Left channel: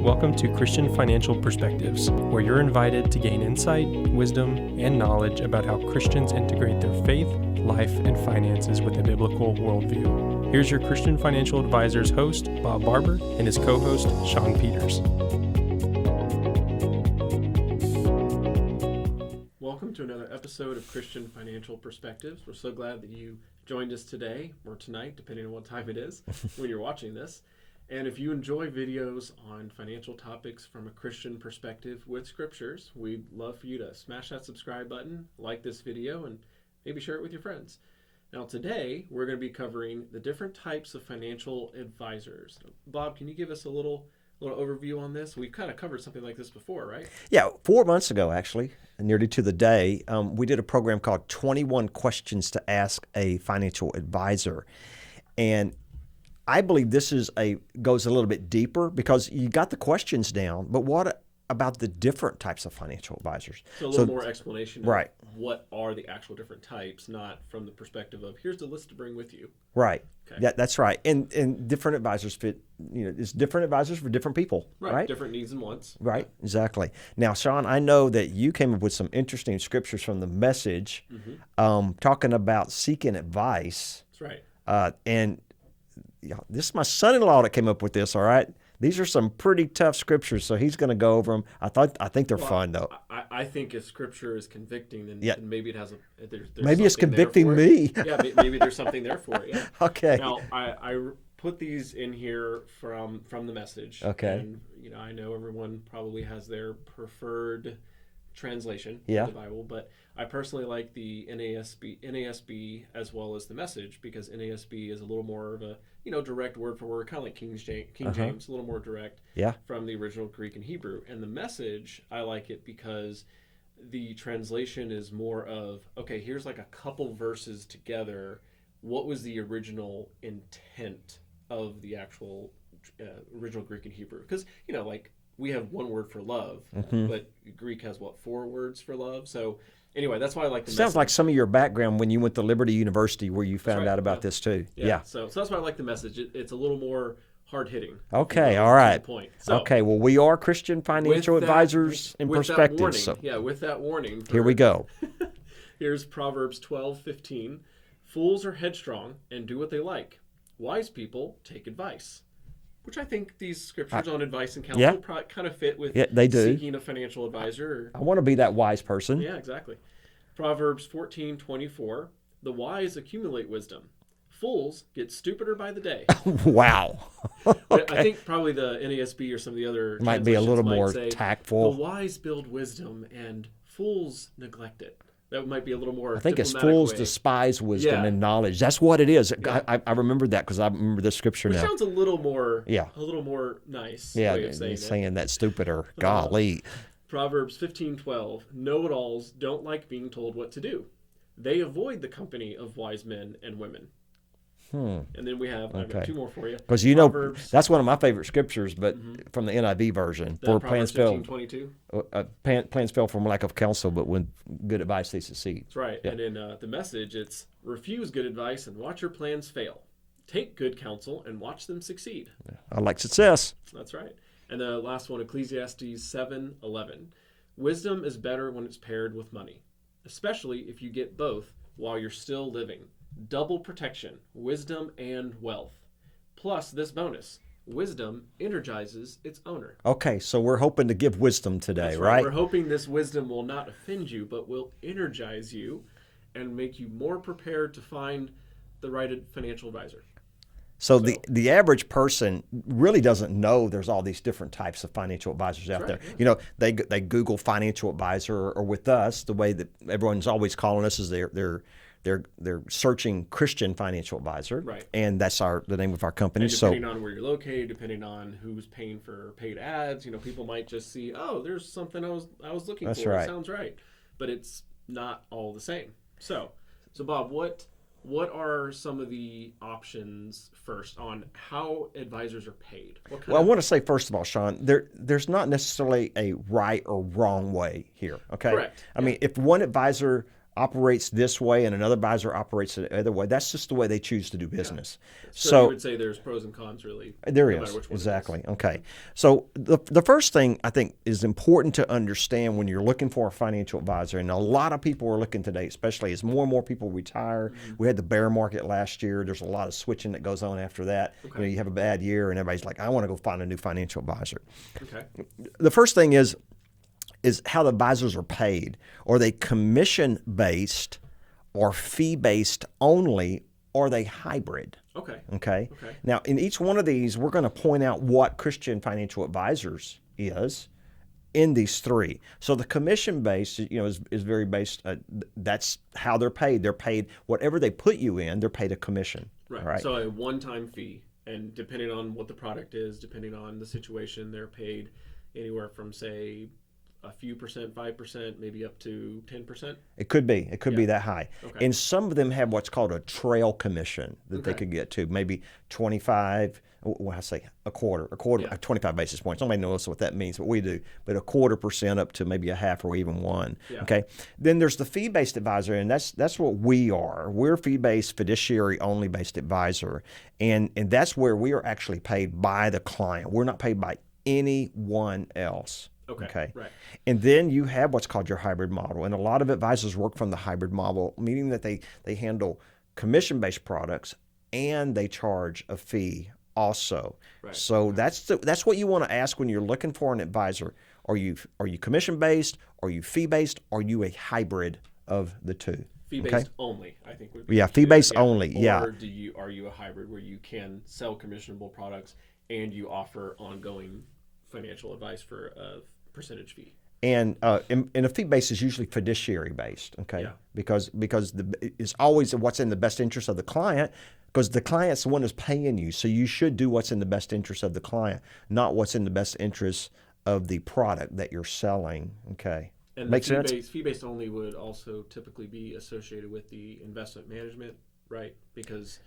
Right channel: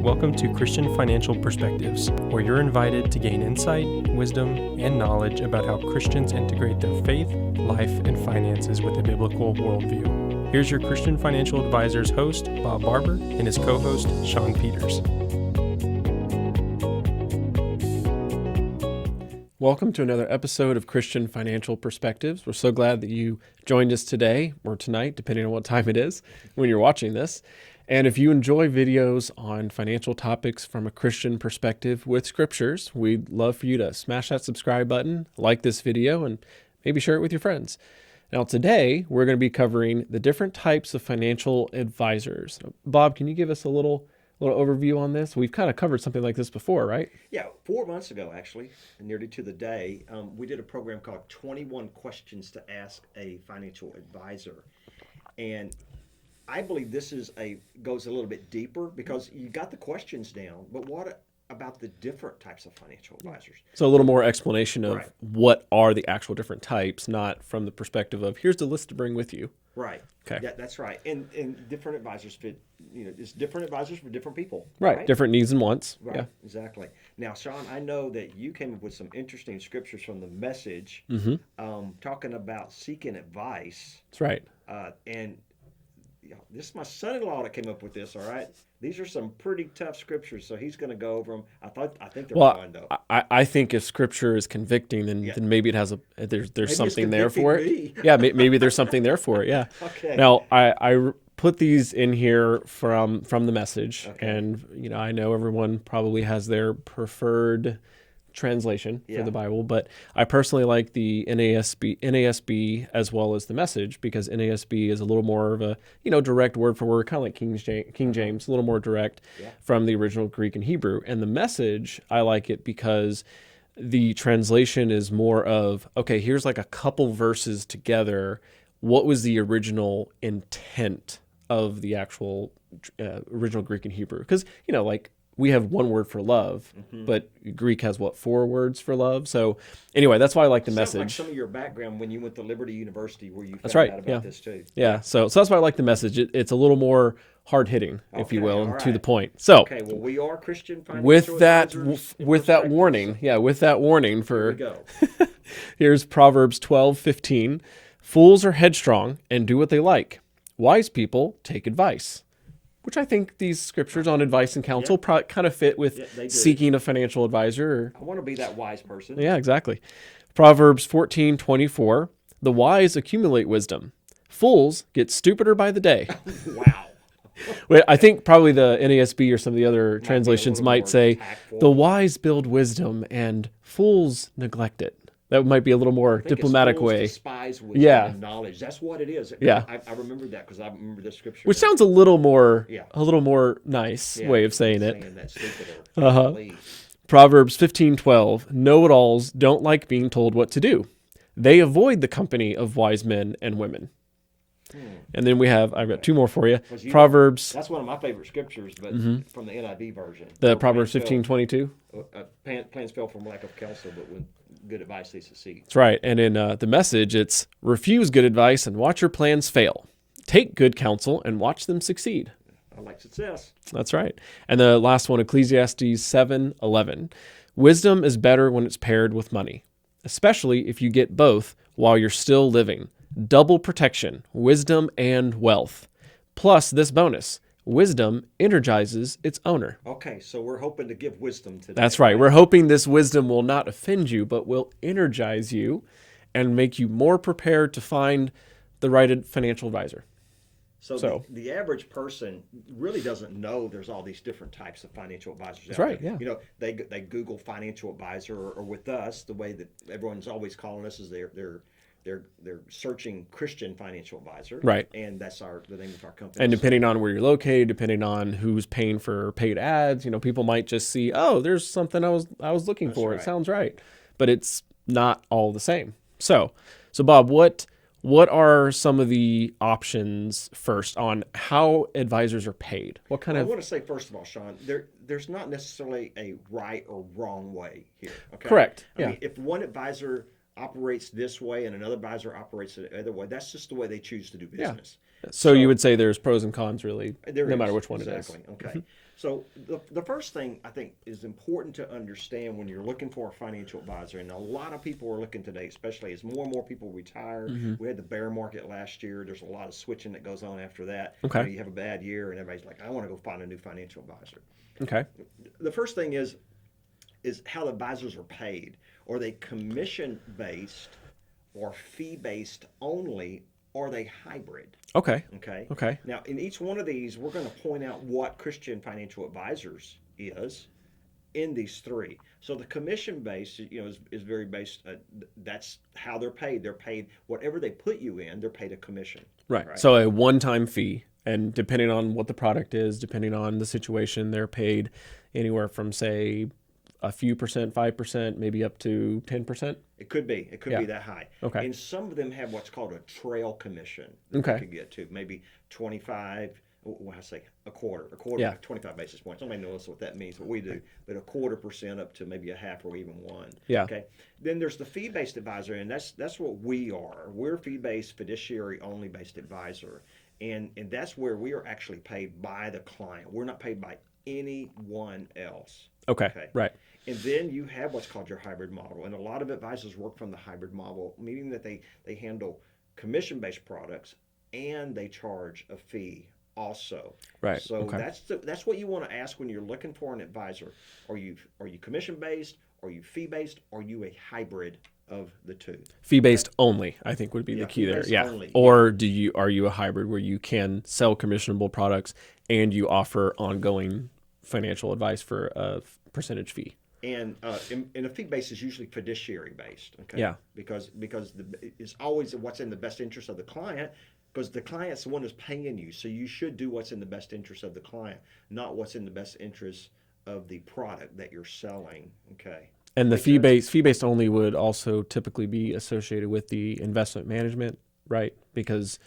Welcome to Christian Financial Perspectives, where you're invited to gain insight, wisdom, and knowledge about how Christians integrate their faith, life, and finances with a biblical worldview. Here's your Christian Financial Advisors host, Bob Barber, and his co-host, Shawn Peters. Welcome to another episode of Christian Financial Perspectives. We're so glad that you joined us today, or tonight, depending on what time it is when you're watching this. And if you enjoy videos on financial topics from a Christian perspective with scriptures, we'd love for you to smash that subscribe button, like this video, and maybe share it with your friends. Now today, we're going to be covering the different types of financial advisors. Bob, can you give us a little overview on this? We've kind of covered something like this before, right? Yeah, 4 months ago, actually, nearly to the day, we did a program called 21 Questions to Ask a Financial Advisor. And I believe this goes a little bit deeper because you got the questions down, but what about the different types of financial advisors? So a little more explanation of what are the actual different types, not from the perspective of here's the list to bring with you. Right. Okay. Yeah, that's right. And different advisors fit, it's different advisors for different people. Right. Different needs and wants. Right. Yeah. Exactly. Now, Shawn, I know that you came up with some interesting scriptures from the Message, talking about seeking advice. That's right. This is my son-in-law that came up with this, all right? These are some pretty tough scriptures, so he's going to go over them. I think they're fun, though. I think if scripture is convicting, then maybe it has there's maybe something there for it. Yeah, maybe there's something there for it, yeah. Okay. Now, I put these in here from the Message, and I know everyone probably has their preferred translation for the Bible, but I personally like the NASB as well as the Message, because NASB is a little more of a direct word for word, kind of like King James, a little more direct from the original Greek and Hebrew. And the Message, I like it because the translation is more of, okay, here's like a couple verses together. What was the original intent of the actual original Greek and Hebrew? Because we have one word for love, but Greek has 4 words for love. So anyway, that's why I like the Message. Sounds like some of your background when you went to Liberty University, where you found out about this too. Yeah. So that's why I like the Message. It's a little more hard hitting. Okay. All right. To the point. So well, we are Christian financial advisors. With that warning. So. With that warning. Here we go. Here's Proverbs 12:15. Fools are headstrong and do what they like. Wise people take advice. Which I think these scriptures on advice and counsel kind of fit with seeking a financial advisor. I want to be that wise person. Yeah, exactly. Proverbs 14:24. The wise accumulate wisdom. Fools get stupider by the day. Wow. I think probably the NASB or some of the other translations might say, tactful. The wise build wisdom and fools neglect it. That might be a little more diplomatic way. Fools despise wisdom and knowledge. That's what it is. Yeah. I remember that because I remember the scripture. Which sounds a little more nice way of saying it. Saying that stupider. Golly. Proverbs 15:12. Know-it-alls don't like being told what to do. They avoid the company of wise men and women. And then we have, I've got 2 more for you. Proverbs. That's one of my favorite scriptures, but from the NIV version. The Proverbs 15:22. Plans fail from lack of counsel, but when good advice they succeed. That's right. And in the Message, it's refuse good advice and watch your plans fail. Take good counsel and watch them succeed. I like success. That's right. And the last one, Ecclesiastes 7:11. Wisdom is better when it's paired with money, especially if you get both while you're still living. Double protection, wisdom and wealth. Plus this bonus, wisdom energizes its owner. Okay, so we're hoping to give wisdom today. That's right. We're hoping this wisdom will not offend you, but will energize you and make you more prepared to find the right financial advisor. So the average person really doesn't know there's all these different types of financial advisors out there. Yeah. They Google financial advisor, or with us, the way that everyone's always calling us is they're searching Christian financial advisor, right? And that's the name of our company. And depending on where you're located, depending on who's paying for paid ads, people might just see, oh, there's something I was looking for. Right. It sounds right, but it's not all the same. So Bob, what are some of the options first on how advisors are paid? I want to say first of all, Shawn, there's not necessarily a right or wrong way here. Okay, correct. I mean, if one advisor operates this way and another advisor operates the other way. That's just the way they choose to do business. Yeah. So you would say there's pros and cons, really, no matter which one exactly. it is. Okay. So the first thing I think is important to understand when you're looking for a financial advisor, and a lot of people are looking today, especially as more and more people retire. We had the bear market last year. There's a lot of switching that goes on after that. Okay. You have a bad year and everybody's like, I want to go find a new financial advisor. Okay. The first thing is how the advisors are paid. Are they commission-based or fee-based only, or are they hybrid? Okay. Okay. Okay. Now, in each one of these, we're going to point out what Christian Financial Advisors is in these three. So the commission-based, is very based. That's how they're paid. They're paid whatever they put you in. They're paid a commission. Right. So a one-time fee, and depending on what the product is, depending on the situation, they're paid anywhere from, say, a few percent, 5%, maybe up to 10%? It could be. It could be that high. Okay. And some of them have what's called a trail commission that they could get to, maybe 25, well, I say a quarter, 25 basis points. Nobody knows what that means, but we do. But a 1/4% up to maybe a half or even 1. Yeah. Okay. Then there's the fee-based advisor, and that's what we are. We're fee-based, fiduciary only based advisor, and that's where we are actually paid by the client. We're not paid by anyone else. Okay. Right. And then you have what's called your hybrid model. And a lot of advisors work from the hybrid model, meaning that they handle commission-based products and they charge a fee also. Right. So that's what you want to ask when you're looking for an advisor. Are you commission-based? Are you fee-based? Are you a hybrid of the two? Fee-based only, I think, would be the key fee-based there. only. Or are you a hybrid where you can sell commissionable products and you offer ongoing financial advice for a percentage fee? And a fee base is usually fiduciary based, okay? Yeah. Because it's always what's in the best interest of the client, because the client's the one who's paying you. So you should do what's in the best interest of the client, not what's in the best interest of the product that you're selling, okay? And the fee-based only would also typically be associated with the investment management, right? Because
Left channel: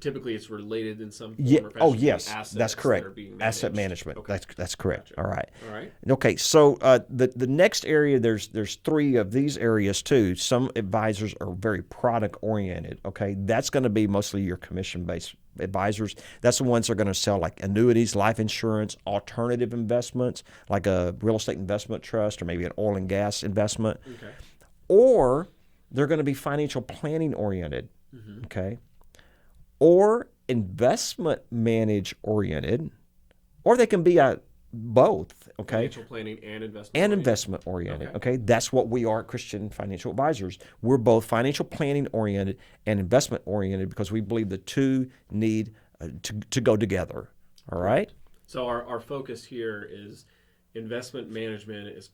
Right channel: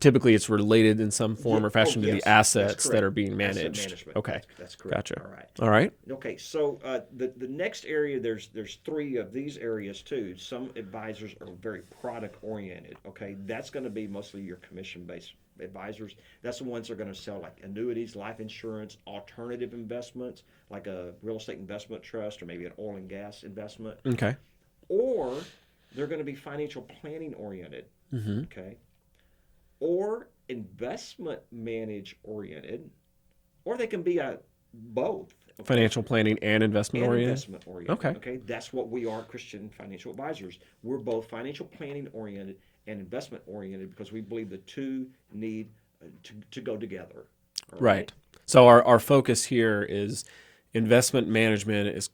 typically it's related in some form or fashion to the assets that are being managed. Asset management. Okay, that's correct. Gotcha. All right. Okay. So the next area, there's 3 of these areas too. Some advisors are very product oriented. Okay, that's going to be mostly your commission based advisors. That's the ones that are going to sell like annuities, life insurance, alternative investments, like a real estate investment trust or maybe an oil and gas investment. Okay. Or they're going to be financial planning oriented. Okay. Or investment manage oriented, or they can be both. Okay? Financial planning and investment oriented? Investment oriented. Okay. That's what we are at Christian Financial Advisors. We're both financial planning oriented and investment oriented because we believe the two need to go together. All right. So our focus here is investment management is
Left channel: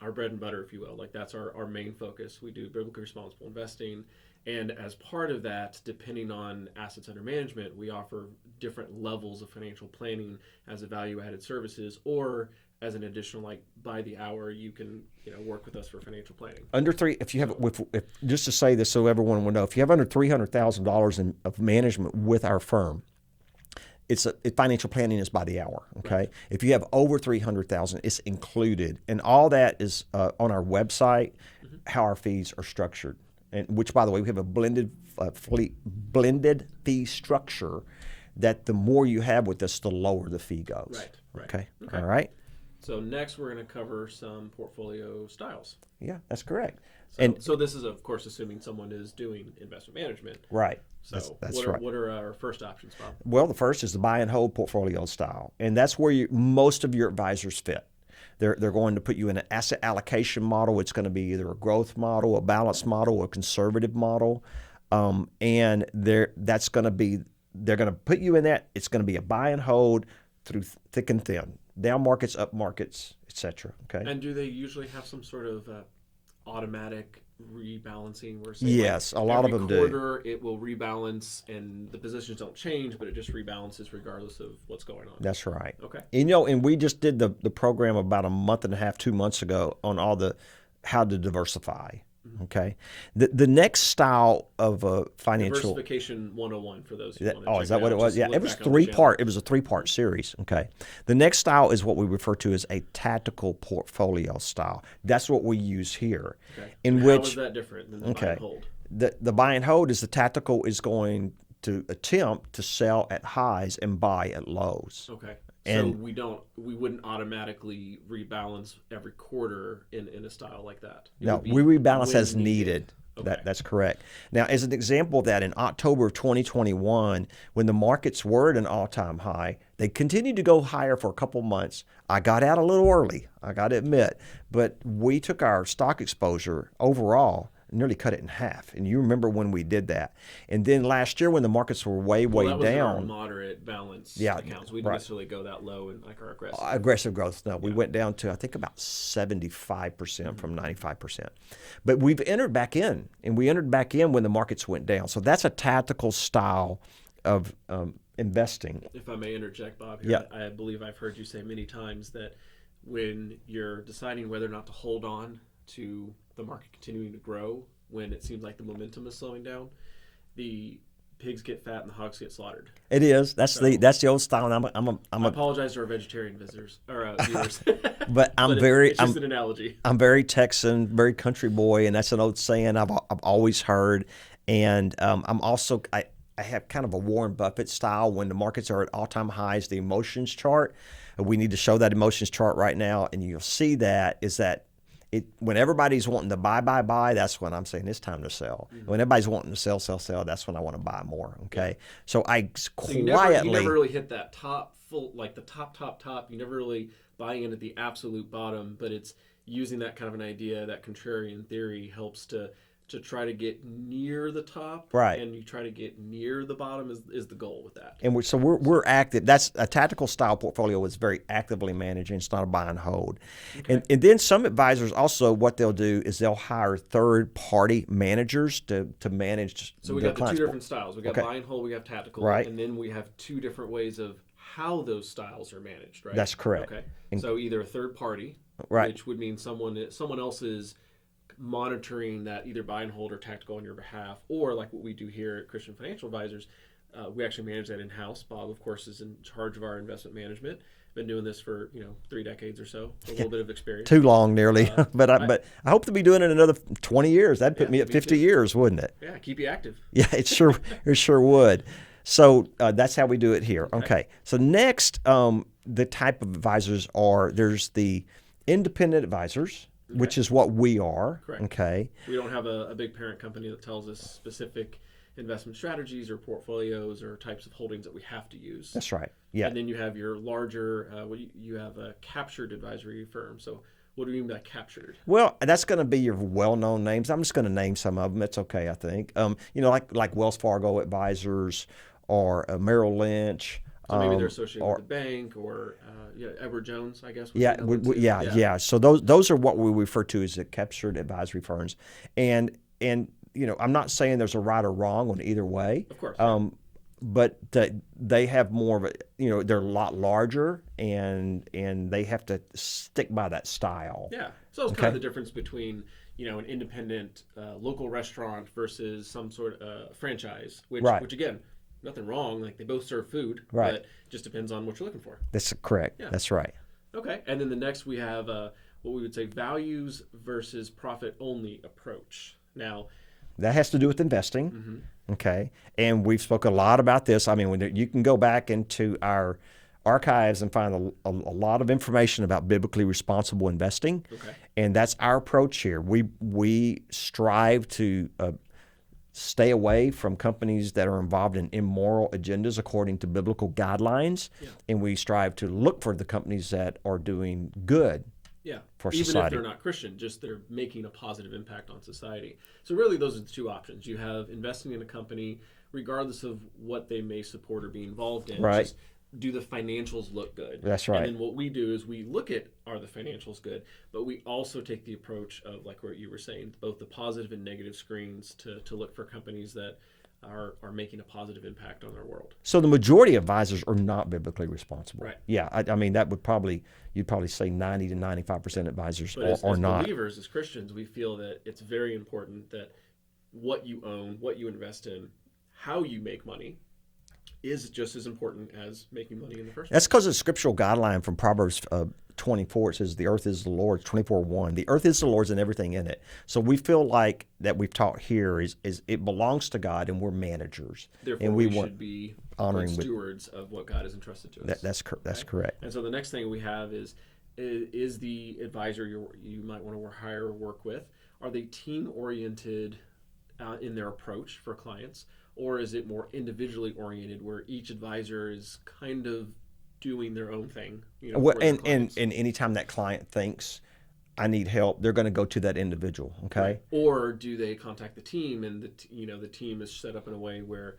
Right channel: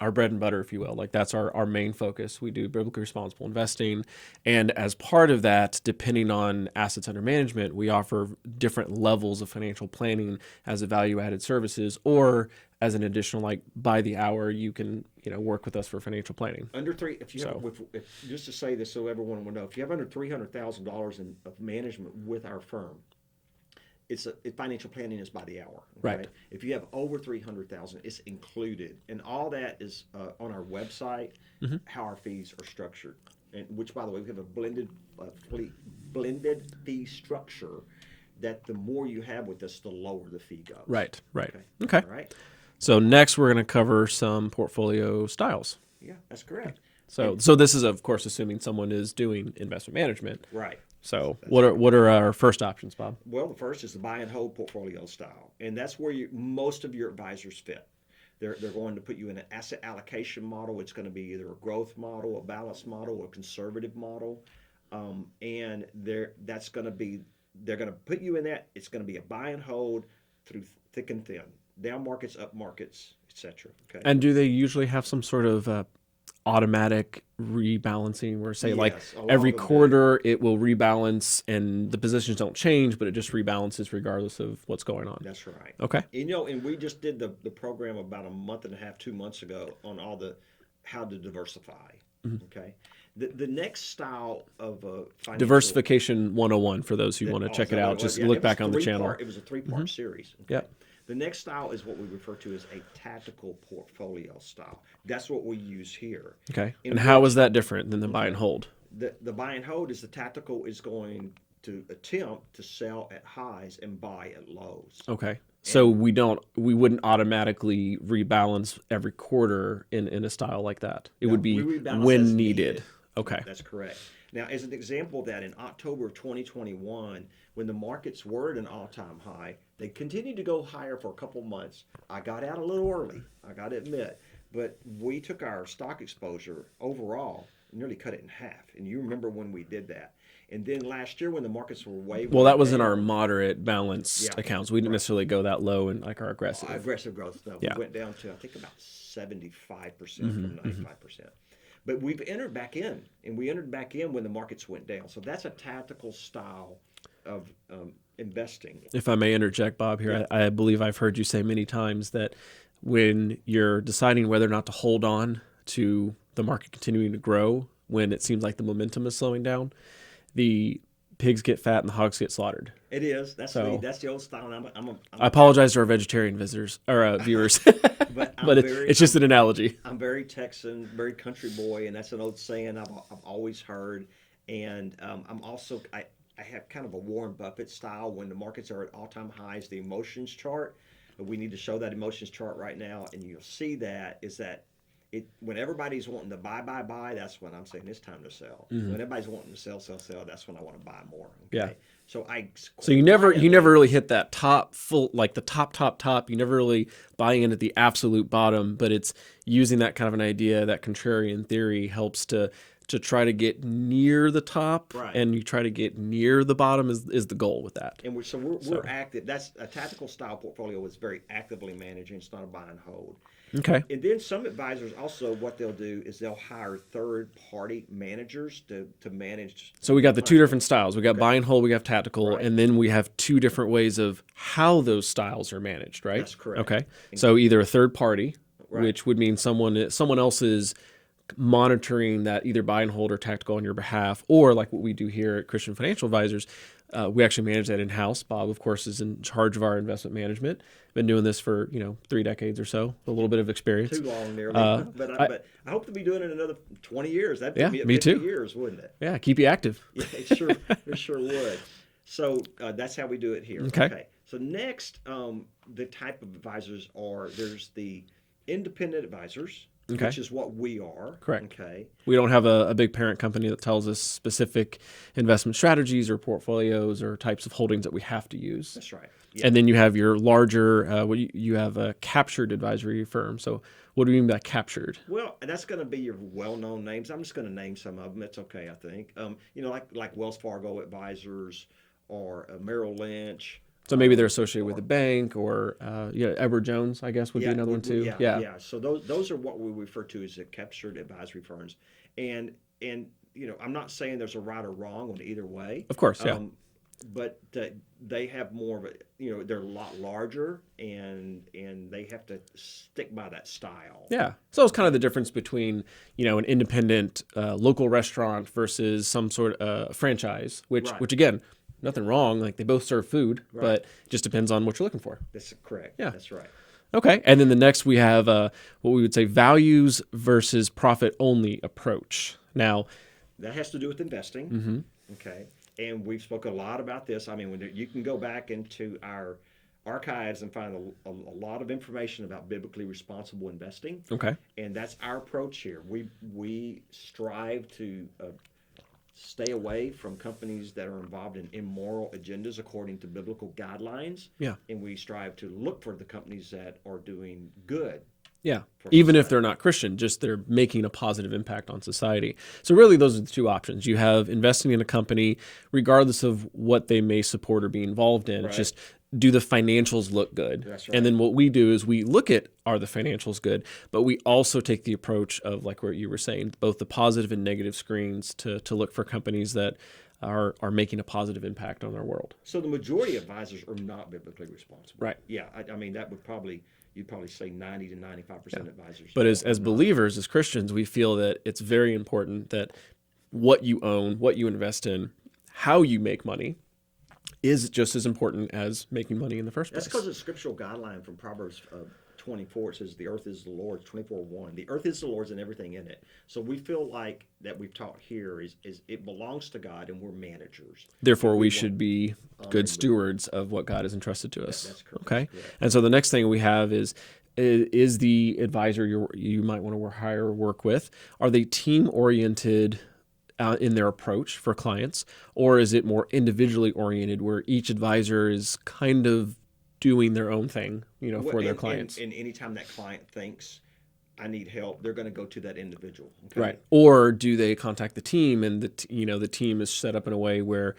our bread and butter, if you will. Like that's our main focus. We do biblically responsible investing. And as part of that, depending on assets under management, we offer different levels of financial planning as a value-added services, or as an additional, like by the hour, you can work with us for financial planning. Under three, if you have, if just to say this so everyone will know, if you have under $300,000 of management with our firm, financial planning is by the hour. Okay. Right. If you have over 300,000, it's included, and all that is on our website. How our fees are structured, and which, by the way, we have a blended fee structure. That the more you have with us, the lower the fee goes. Right. Okay. All right. So next, we're going to cover some portfolio styles. Yeah, that's correct. So this is, of course, assuming someone is doing investment management. Right. So that's what are our first options, Bob? Well, the first is the buy and hold portfolio style, and that's where most of your advisors fit. They're going to put you in an asset allocation model. It's going to be either a growth model, a balanced model, or a conservative model, and they're going to put you in that. It's going to be a buy and hold through thick and thin, down markets, up markets, etc. Okay. And do they usually have some sort of automatic rebalancing where say every quarter it will rebalance and the positions don't change, but it just rebalances regardless of what's going on? That's right. Okay. And we just did the program about a month and a half, 2 months ago on how to diversify. Okay. The next style of a financial Diversification 101 for those who want to check is that it what out. it was? Just Yeah, look it was back on the channel. three-part. It was a three-part series. Okay. The next style is what we refer to as a tactical portfolio style. That's what we use here. Okay. And how is that different than the buy and hold? The buy and hold is the tactical is going to attempt to sell at highs and buy at lows. Okay. So we wouldn't automatically rebalance every quarter in a style like that. It would be we rebalance when as needed. Okay. That's correct. Now, as an example of that, in October of 2021, when the markets were at an all-time high, they continued to go higher for a couple months. I got out a little early, I got to admit, but we took our stock exposure overall, nearly cut it in half. And you remember when we did that. And then last year when the markets were way that was down, in our moderate balance accounts. We didn't necessarily go that low in like our aggressive. Aggressive growth. No, we went down to, I think, about 75% from 95%. But we've entered back in, and we entered back in when the markets went down. So that's a tactical style of investing. If I may interject, Bob, here, I believe I've heard you say many times that when you're deciding whether or not to hold on to the market continuing to grow, when it seems like the momentum is slowing down, the pigs get fat and the hogs get slaughtered. It is. That's the old style. And I apologize to our vegetarian visitors or viewers, but it's just an analogy. I'm very Texan, very country boy, and that's an old saying I've always heard. And I'm also I have kind of a Warren Buffett style. When the markets are at all-time highs, the emotions chart. We need to show that emotions chart right now, and you'll see that is that. When everybody's wanting to buy, that's when I'm saying it's time to sell. When everybody's wanting to sell, that's when I want to buy more. Okay, so you never really hit that top full, like the top. You never really buying in at the absolute bottom, but it's using that kind of an idea, that contrarian theory helps to try to get near the top, right? And you try to get near the bottom is the goal with that. And we're active. That's a tactical style portfolio is very actively managing. It's not a buy and hold. Okay. And then some advisors also what they'll do is they'll hire third-party managers to manage. So we got the two different styles. We got buy and hold. We have tactical, right. And then we have two different ways of how those styles are managed. Right. That's correct. Okay. So either a third party, right. which would mean someone else is monitoring that either buy and hold or tactical on your behalf, or like what we do here at Christian Financial Advisors, we actually manage that in-house. Bob, of course, is in charge of our investment management. Been doing this for 3 decades or so, a little bit of experience. Too long, nearly. But I hope to be doing it another 20 years. That'd put me at 50 years, wouldn't it? Yeah, keep you active. Yeah, it sure would. So that's how we do it here. Okay. So next, the type of advisors there's the independent advisors. Okay. Which is what we are. Correct. Okay. We don't have a big parent company that tells us specific investment strategies or portfolios or types of holdings that we have to use. That's right. Yeah. And then you have your larger, you have a captured advisory firm. So what do you mean by captured? Well, that's going to be your well-known names. I'm just going to name some of them. It's okay, I think. Like Wells Fargo Advisors or Merrill Lynch. So maybe they're associated with the bank or Edward Jones, I guess, would be another one too. Yeah. So those are what we refer to as the captured advisory firms. And I'm not saying there's a right or wrong on either way. Of course, yeah. But they have more of a, they're a lot larger and they have to stick by that style. Yeah. So it's kind of the difference between, an independent local restaurant versus some sort of franchise, which again, nothing wrong. Like they both serve food, but it just depends on what you're looking for. That's correct. Yeah. That's right. Okay. And then the next we have what we would say values versus profit only approach. Now, that has to do with investing. Mm-hmm. Okay. And we've spoken a lot about this. I mean, you can go back into our archives and find a lot of information about biblically responsible investing. Okay. And that's our approach here. We strive to stay away from companies that are involved in immoral agendas according to biblical guidelines. Yeah. And we strive to look for the companies that are doing good. Yeah. For even society. If they're not Christian, just they're making a positive impact on society. So really those are the two options. You have investing in a company, regardless of what they may support or be involved in, just do the financials look good? That's right. And then what we do is we look at, are the financials good? But we also take the approach of, like what you were saying, both the positive and negative screens to look for companies that are making a positive impact on our world. So the majority of advisors are not biblically responsible. Right. Yeah. I mean, that would probably, you'd probably say 90 to 95% advisors. But as not. believers, as Christians, we feel that it's very important that what you own, what you invest in, how you make money is just as important as making money in the first place. That's because of the scriptural guideline from Proverbs 24. It says, the earth is the Lord's, 24:1. The earth is the Lord's and everything in it. So we feel like that we've taught here is it belongs to God and we're managers. Therefore, we should be good stewards of what God has entrusted to us. That's correct. Okay? That's correct. And so the next thing we have is the advisor you might want to hire or work with, are they team-oriented in their approach for clients, or is it more individually oriented where each advisor is kind of doing their own thing, for their clients? And anytime that client thinks, I need help, they're going to go to that individual. Okay. Right. Or do they contact the team, and the team is set up in a way where,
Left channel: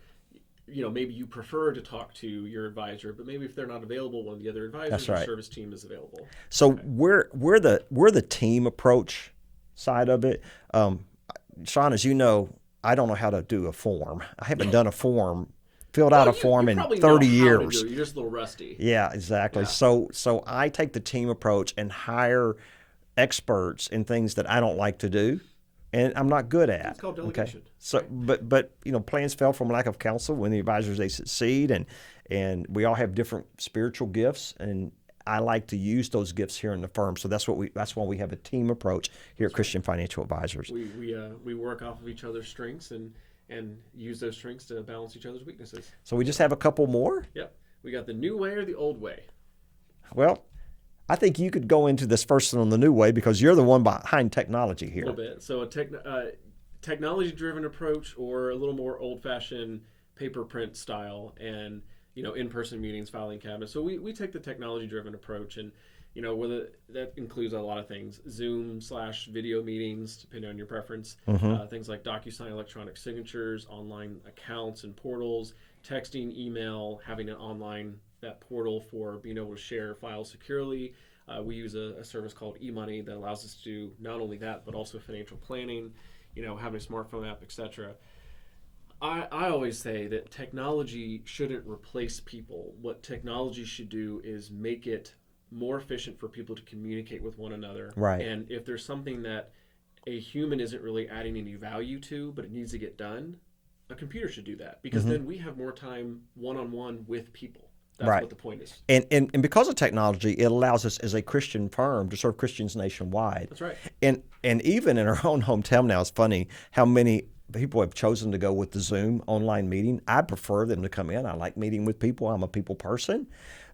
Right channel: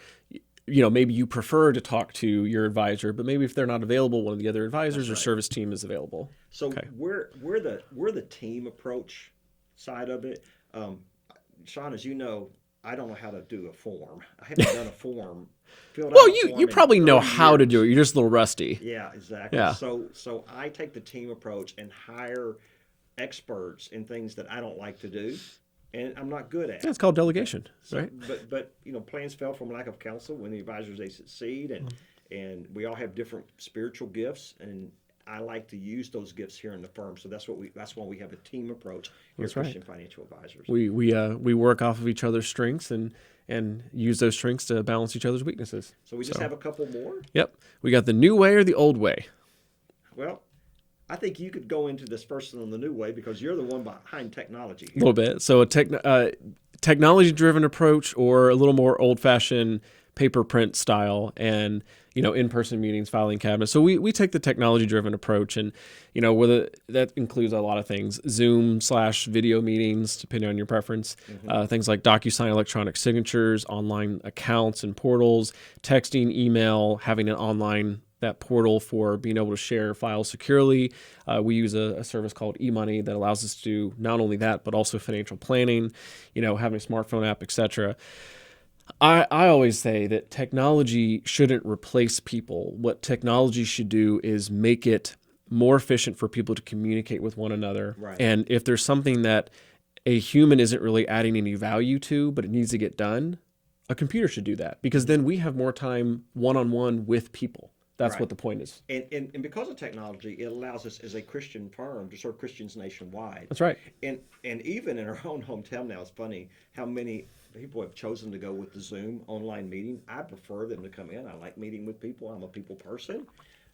maybe you prefer to talk to your advisor, but maybe if they're not available, one of the other advisors or service team is available. So we're the team approach side of it. Shawn, as you know, I don't know how to do a form. I haven't done a form. Filled out a form. You probably know how years. To do it. You're just a little rusty. Yeah, exactly. Yeah. So I take the team approach and hire experts in things that I don't like to do, and I'm not good at. That's called delegation. Okay? So, right? but plans fail from lack of counsel. When the advisors they succeed, and we all have different spiritual gifts, and I like to use those gifts here in the firm. So that's why we have a team approach here at Christian Financial Advisors. We work off of each other's strengths and use those strengths to balance each other's weaknesses. So we just have a couple more? Yep. We got the new way or the old way. Well, I think you could go into this first on the new way because you're the one behind technology here. A little bit. So a technology-driven approach, or a little more old-fashioned paper print style, and in-person meetings, filing cabinets. So we take the technology-driven approach, and that includes a lot of things: Zoom/video meetings, depending on your preference. Things like DocuSign electronic signatures, online accounts and portals, texting, email, having an online that portal for being able to share files securely. We use a service called eMoney that allows us to do not only that, but also financial planning, having a smartphone app, etc. I always say that technology shouldn't replace people. What technology should do is make it more efficient for people to communicate with one another. Right. And if there's something that a human isn't really adding any value to, but it needs to get done, a computer should do that, because then we have more time one-on-one with people. That's what the point is. And because of technology, it allows us as a Christian firm to serve Christians nationwide. That's right. And even in our own hometown now, it's funny how many people have chosen to go with the Zoom online meeting. I prefer them to come in. I like meeting with people. I'm a people person.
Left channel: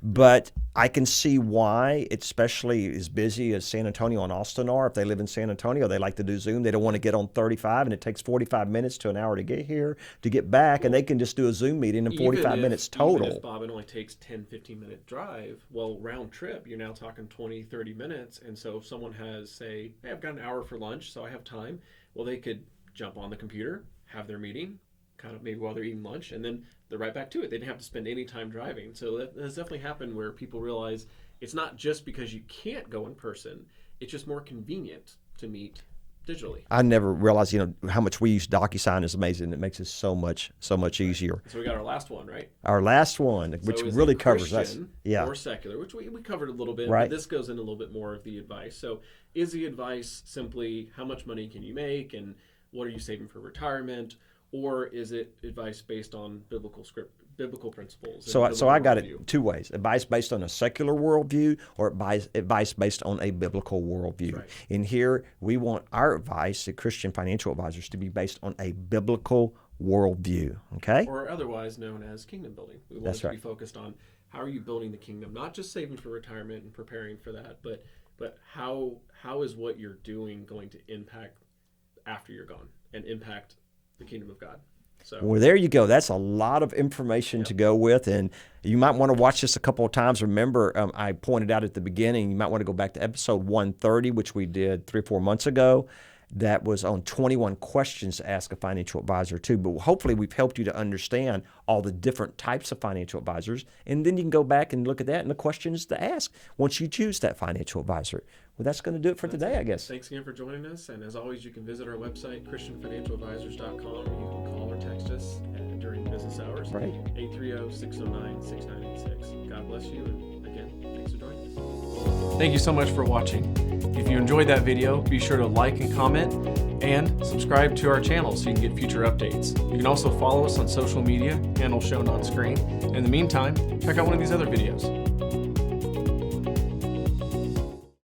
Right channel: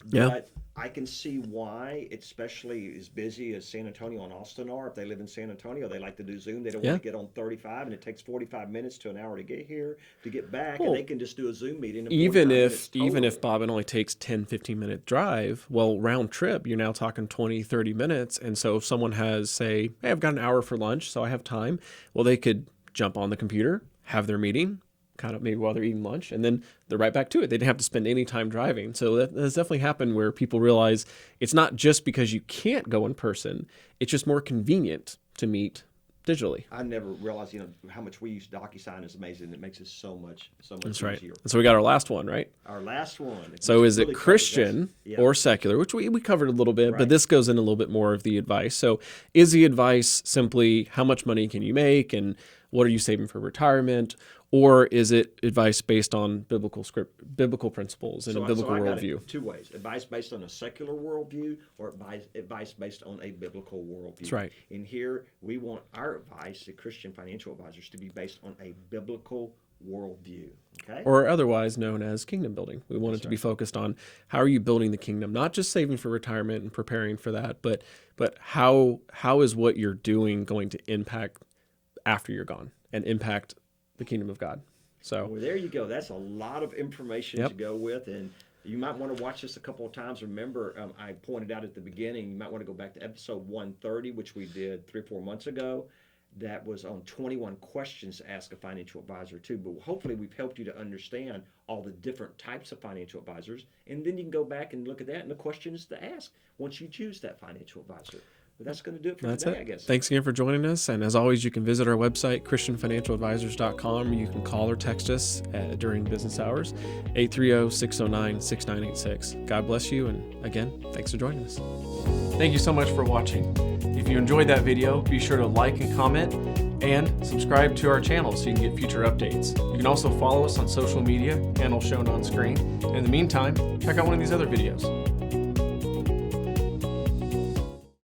But I can see why, especially as busy as San Antonio and Austin are. If they live in San Antonio, they like to do Zoom. They don't want to get on 35, and it takes 45 minutes to an hour to get here, to get back, and they can just do a Zoom meeting in 45 minutes total. Even if, Bob, it only takes 10, 15-minute drive, well, round trip, you're now talking 20, 30 minutes. And so if someone has, say, hey, I've got an hour for lunch, so I have time, well, they could jump on the computer, have their meeting, kind of maybe while they're eating lunch, and then they're right back to it. They didn't have to spend any time driving. So that has definitely happened where people realize it's not just because you can't go in person, it's just more convenient to meet digitally. I never realized, how much we use DocuSign is amazing. It makes it so much easier. So we got our last one, right? Our last one. So is it Christian or secular, which we covered a little bit, but this goes in a little bit more of the advice. So is the advice simply how much money can you make and what are you saving for retirement? Or is it advice based on biblical principles? And so I got it two ways: advice based on a secular worldview, or advice based on a biblical worldview. That's right. And here we want our advice, the Christian financial advisors, to be based on a biblical worldview. Okay. Or otherwise known as kingdom building. We want it to be focused on how are you building the kingdom, not just saving for retirement and preparing for that, but how is what you're doing going to impact after you're gone and impact the kingdom of God. So well, there you go. That's a lot of information to go with, and you might want to watch this a couple of times. Remember, I pointed out at the beginning, you might want to go back to episode 130, which we did 3 or 4 months ago. That was on 21 questions to ask a financial advisor too. But hopefully we've helped you to understand all the different types of financial advisors, and then you can go back and look at that and the questions to ask once you choose that financial advisor. Well, that's going to do it for today, I guess. Thanks again for joining us. And as always, you can visit our website, christianfinancialadvisors.com. You can call or text us during business hours, 830-609-6986. God bless you. And again, thanks for joining us. Thank you so much for watching. If you enjoyed that video, be sure to like and comment and subscribe to our channel so you can get future updates. You can also follow us on social media, handle shown on screen. In the meantime, check out one of these other videos.